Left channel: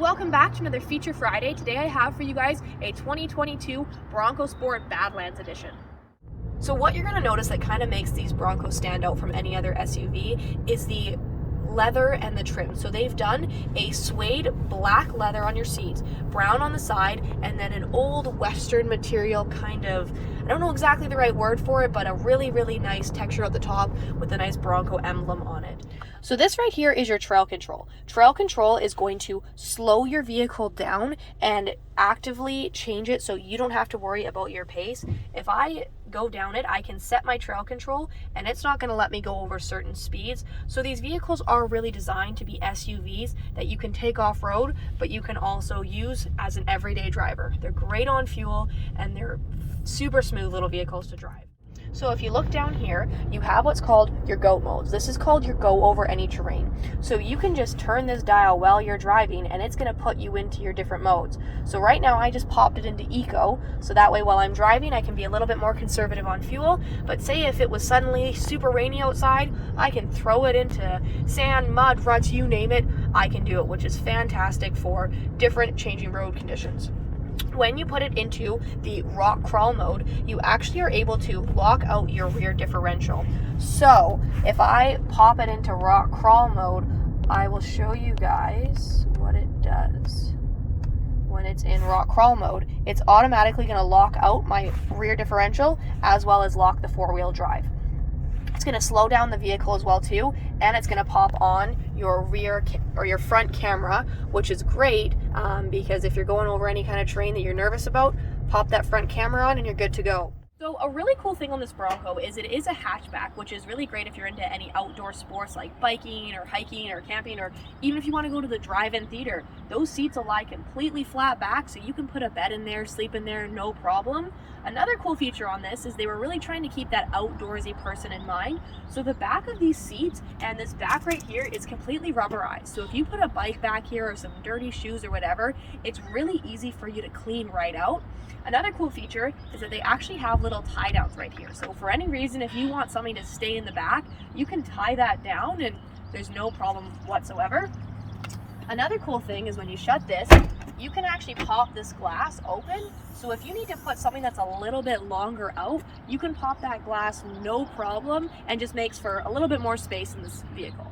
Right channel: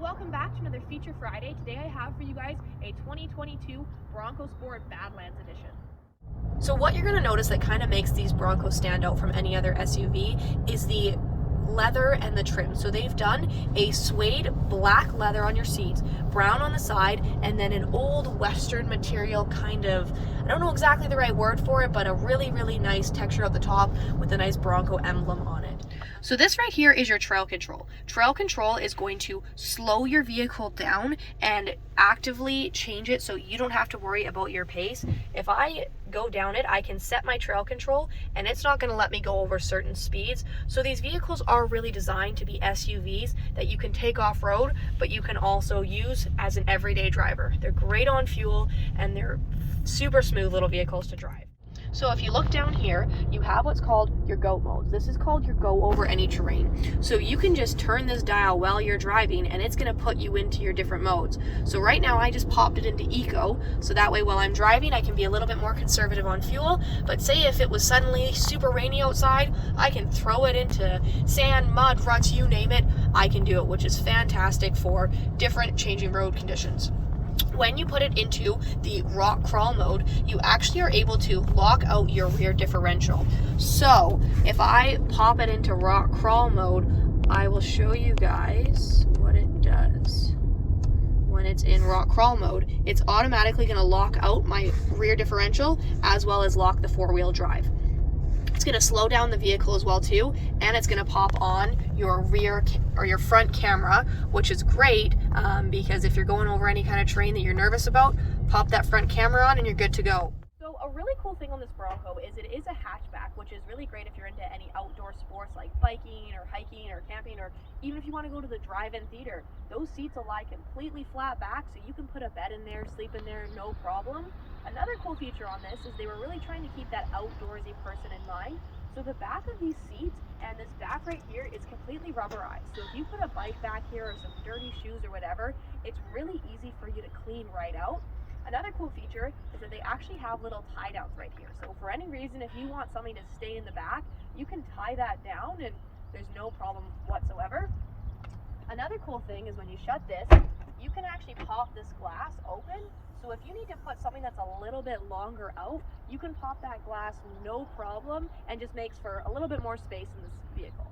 Welcome back to another Feature Friday. Today I have for you guys a 2022 Bronco Sport Badlands edition. So what you're going to notice that kind of makes these Broncos stand out from any other SUV is the leather and the trim. So they've done a suede black leather on your seats, brown on the side, and then an old Western material kind of, I don't know exactly the right word for it, but a really, really nice texture at the top with a nice Bronco emblem on it. So this right here is your trail control. Trail control is going to slow your vehicle down and actively change it so you don't have to worry about your pace. If I go down it, I can set my trail control and it's not going to let me go over certain speeds. So these vehicles are really designed to be SUVs that you can take off-road, but you can also use as an everyday driver. They're great on fuel and they're super smooth little vehicles to drive. So if you look down here, you have what's called your go modes. This is called your go over any terrain. So you can just turn this dial while you're driving and it's gonna put you into your different modes. So right now I just popped it into eco, so that way while I'm driving I can be a little bit more conservative on fuel, but say if it was suddenly super rainy outside, I can throw it into sand, mud, ruts, you name it, I can do it, which is fantastic for different changing road conditions. When you put it into the rock crawl mode, you actually are able to lock out your rear differential. So if I pop it into rock crawl mode, I will show you guys what it does. When it's in rock crawl mode, it's automatically going to lock out my rear differential as well as lock the four-wheel drive. It's going to slow down the vehicle as well too, and it's going to pop on your rear or your front camera, which is great because if you're going over any kind of terrain that you're nervous about, pop that front camera on and you're good to go. So a really cool thing on this Bronco is it is a hatchback, which is really great if you're into any outdoor sports like biking or hiking or camping, or even if you want to go to the drive-in theater. Those seats will lie completely flat back, so you can put a bed in there, sleep in there, no problem. Another cool feature on this is they were really trying to keep that outdoorsy person in mind. So the back of these seats and this back right here is completely rubberized. So if you put a bike back here or some dirty shoes or whatever, it's really easy for you to clean right out. Another cool feature is that they actually have little tie downs right here. So for any reason, if you want something to stay in the back, you can tie that down and there's no problem whatsoever. Another cool thing is when you shut this, you can actually pop this glass open. So if you need to put something that's a little bit longer out, you can pop that glass no problem and just makes for a little bit more space in this vehicle.